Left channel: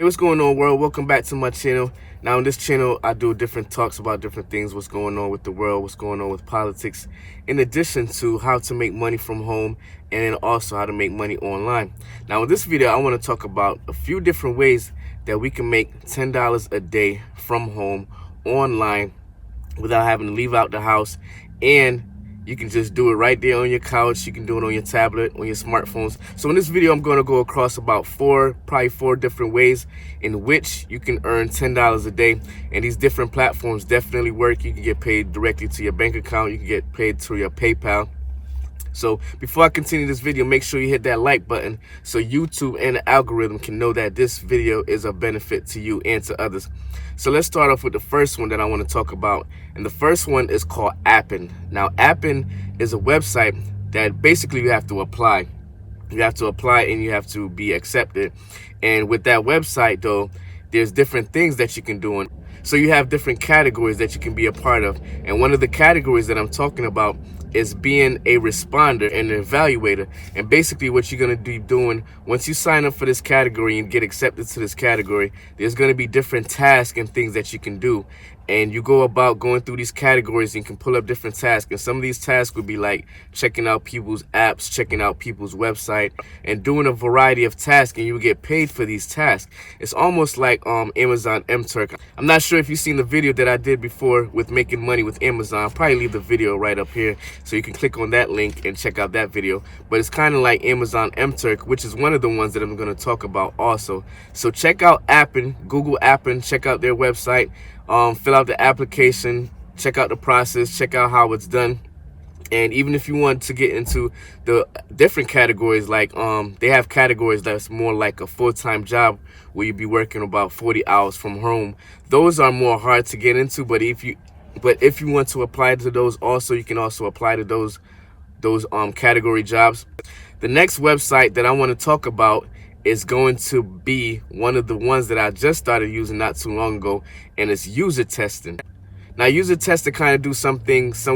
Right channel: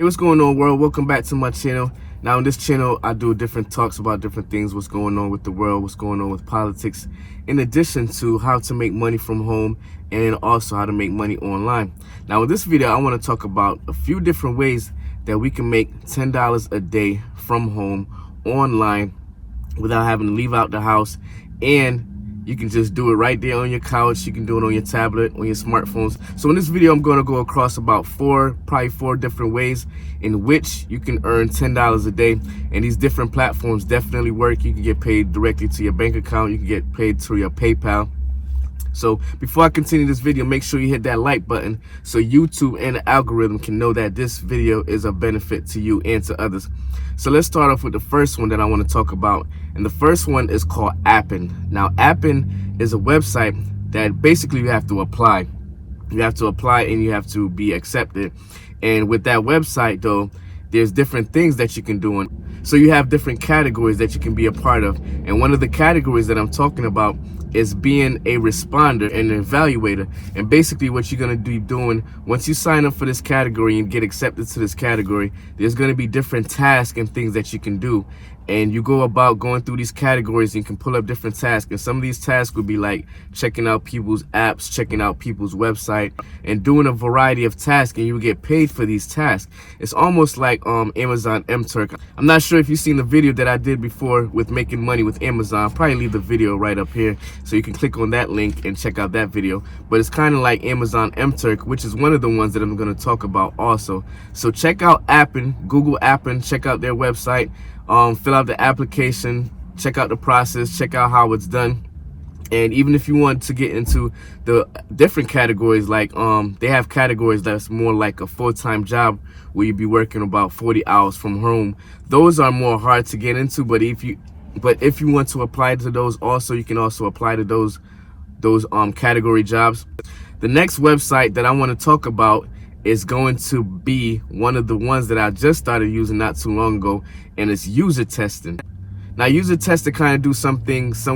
Hey, what's going on, world? Welcome back to my channel. Now on this channel I do different talks about different things, what's going on with the world, what's going on with politics, in addition to how to make money from home and then also how to make money online. Now in this video I want to talk about a few different ways that we can make $10 a day from home online without having to leave out the house, and you can just do it right there on your couch. You can do it on your tablet, on your smartphones. So in this video, I'm going to go across about probably four different ways in which you can earn $10 a day. And these different platforms definitely work. You can get paid directly to your bank account. You can get paid through your PayPal. So before I continue this video, make sure you hit that like button so YouTube and the algorithm can know that this video is a benefit to you and to others. So let's start off with the first one that I want to talk about. And the first one is called Appin. Now Appin is a website that basically you have to apply. You have to apply and you have to be accepted. And with that website though, there's different things that you can do. So you have different categories that you can be a part of. And one of the categories that I'm talking about is being a responder and an evaluator. And basically what you're going to be doing once you sign up for this category and get accepted to this category, there's going to be different tasks and things that you can do. And you go about going through these categories and you can pull up different tasks. And some of these tasks would be like checking out people's apps, checking out people's website, and doing a variety of tasks, and you will get paid for these tasks. It's almost like Amazon Mturk. I'm not sure if you've seen the video that I did before with making money with Amazon. I'll probably leave the video right up here so you can click on that link and check out that video. But it's kind of like Amazon Mturk, which is one of the ones that I'm going to talk about also. So check out Appin, Google Appin, check out their website. Fill out the application, check out the process, check out how it's done. And even if you want to get into the different categories, like they have categories that's more like a full-time job where you'd be working about 40 hours from home. Those are more hard to get into, but if you want to apply to those also, you can also apply to those category jobs. The next website that I want to talk about is going to be one of the ones that I just started using not too long ago, and it's user testing. Now user testing kind of do some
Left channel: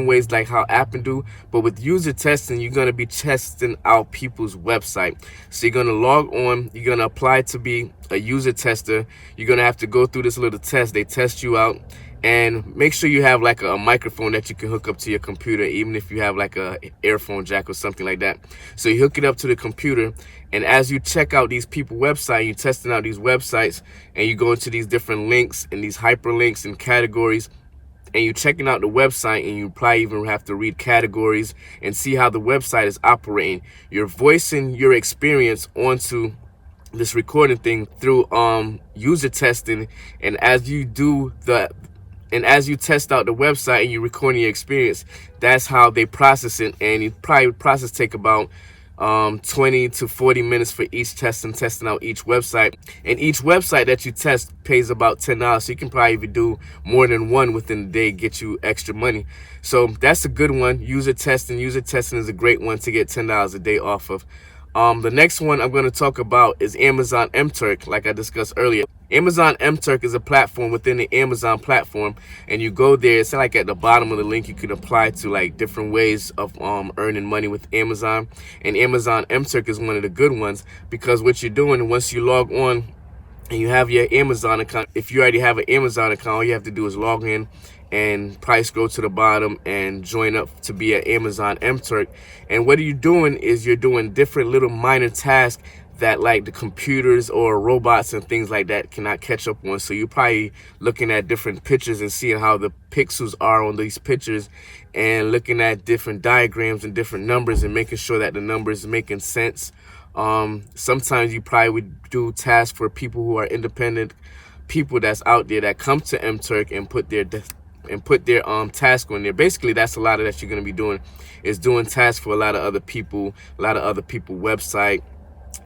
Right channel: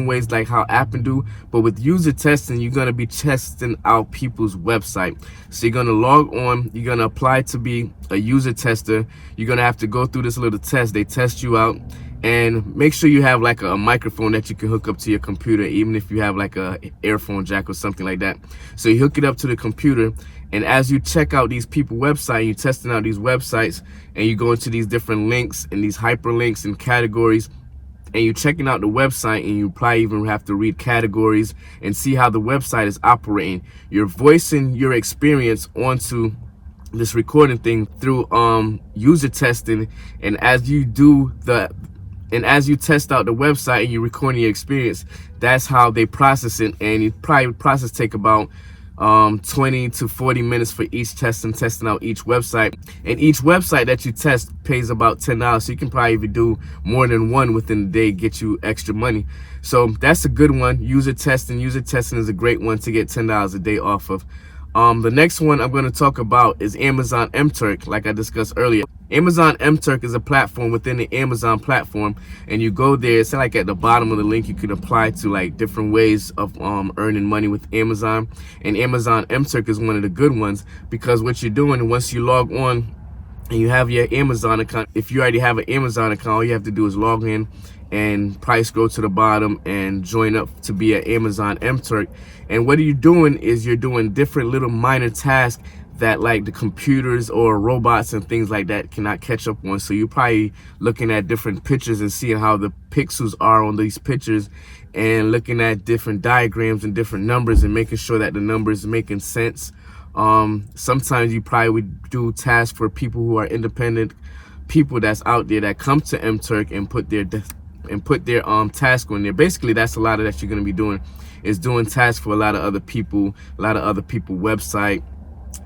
ways like how Appin do, but with user testing you're going to be testing out people's website. So you're going to log on, you're going to apply to be a user tester. You're going to have to go through this little test. They test you out, and make sure you have like a microphone that you can hook up to your computer, even if you have like a earphone jack or something like that. So you hook it up to the computer, and as you check out these people websites, you're testing out these websites, and you go into these different links and these hyperlinks and categories, and you're checking out the website, and you probably even have to read categories and see how the website is operating. You're voicing your experience onto this recording thing through user testing, and as you test out the website and you're recording your experience, that's how they process it. And you probably process take about 20 to 40 minutes for each testing out each website. And each website that you test pays about $10, so you can probably even do more than one within the day, get you extra money. So that's a good one. User testing is a great one to get $10 a day off of. The next one I'm going to talk about is Amazon Mturk, like I discussed earlier. Amazon Mturk is a platform within the Amazon platform, and you go there. It's like at the bottom of the link you can apply to like different ways of earning money with Amazon. And Amazon Mturk is one of the good ones, because what you're doing once you log on and you have your Amazon account, if you already have an Amazon account, all you have to do is log in and probably scroll to the bottom and join up to be an Amazon Mturk. And what are you doing is you're doing different little minor tasks that like the computers or robots and things like that cannot catch up on. So you're probably looking at different pictures and seeing how the pixels are on these pictures, and looking at different diagrams and different numbers and making sure that the numbers are making sense. Sometimes you probably would do tasks for people who are independent people that's out there that come to Mturk and put their task on there. Basically that's a lot of that you're going to be doing, is doing tasks for a lot of other people website,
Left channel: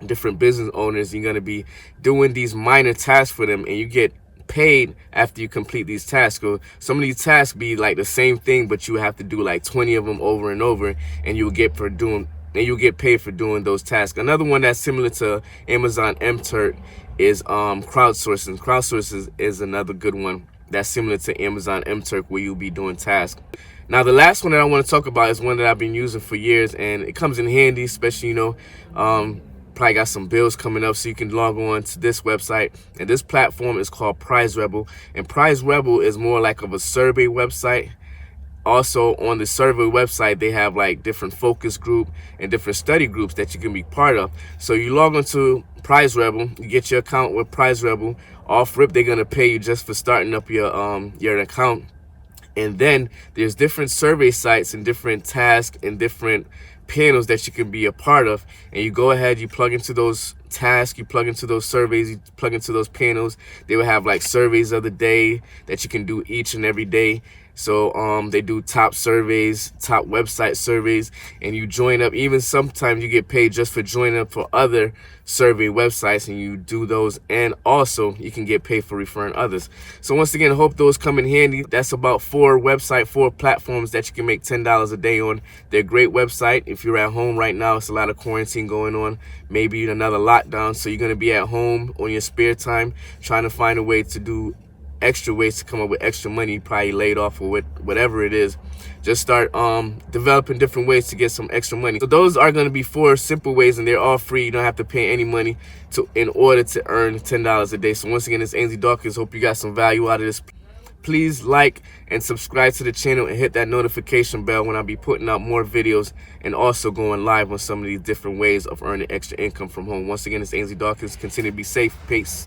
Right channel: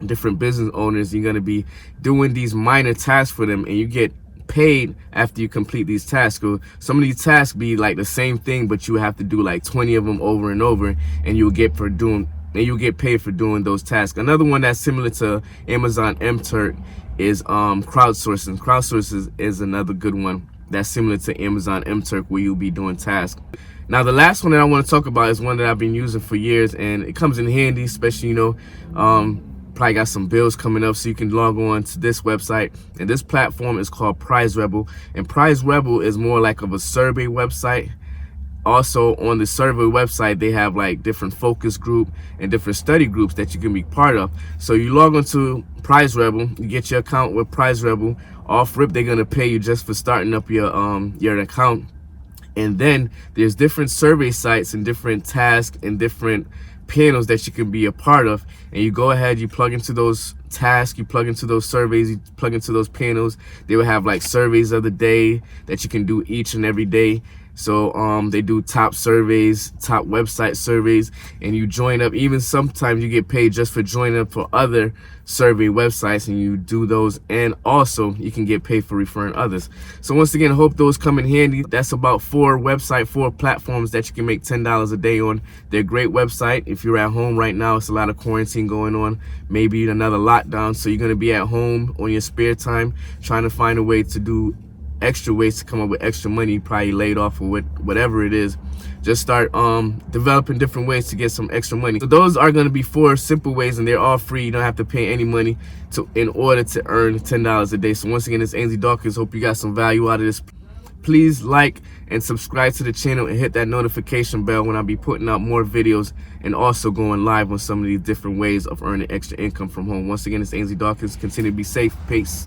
different business owners. You're going to be doing these minor tasks for them, and you get paid after you complete these tasks. So some of these tasks be like the same thing, but you have to do like 20 of them over and over, and you'll get paid for doing those tasks. Another one that's similar to Amazon Mturk is crowdsourcing. Crowdsourcing is another good one that's similar to Amazon Mturk, where you'll be doing tasks. Now the last one that I want to talk about is one that I've been using for years, and it comes in handy, especially probably got some bills coming up, so you can log on to this website. And this platform is called Prize Rebel, and Prize Rebel is more like of a survey website. Also on the survey website, they have like different focus group and different study groups that you can be part of. So you log into Prize Rebel, you get your account with Prize Rebel. Off rip, they're gonna pay you just for starting up your account. And then there's different survey sites and different tasks and different panels that you can be a part of. And you go ahead, you plug into those tasks, you plug into those surveys, you plug into those panels. They will have like surveys of the day that you can do each and every day. So they do top surveys, top website surveys, and you join up. Even sometimes you get paid just for joining up for other survey websites, and you do those, and also you can get paid for referring others. So once again, I hope those come in handy. That's about 4 platforms that you can make $10 a day on. They're a great website. If you're at home right now, it's a lot of quarantine going on, maybe another lockdown, so you're gonna be at home on your spare time trying to find a way to do extra ways to come up with extra money, probably laid off or whatever it is. Just start developing different ways to get some extra money. So those are going to be 4 simple ways, and they're all free. You don't have to pay any money in order to earn $10 a day. So once again, it's Ainsley Dawkins. Hope you got some value out of this. Please like and subscribe to the channel and hit that notification bell when I be putting out more videos, and also going live on some of these different ways of earning extra income from home. Once again, it's Ainsley Dawkins. Continue to be safe. Peace.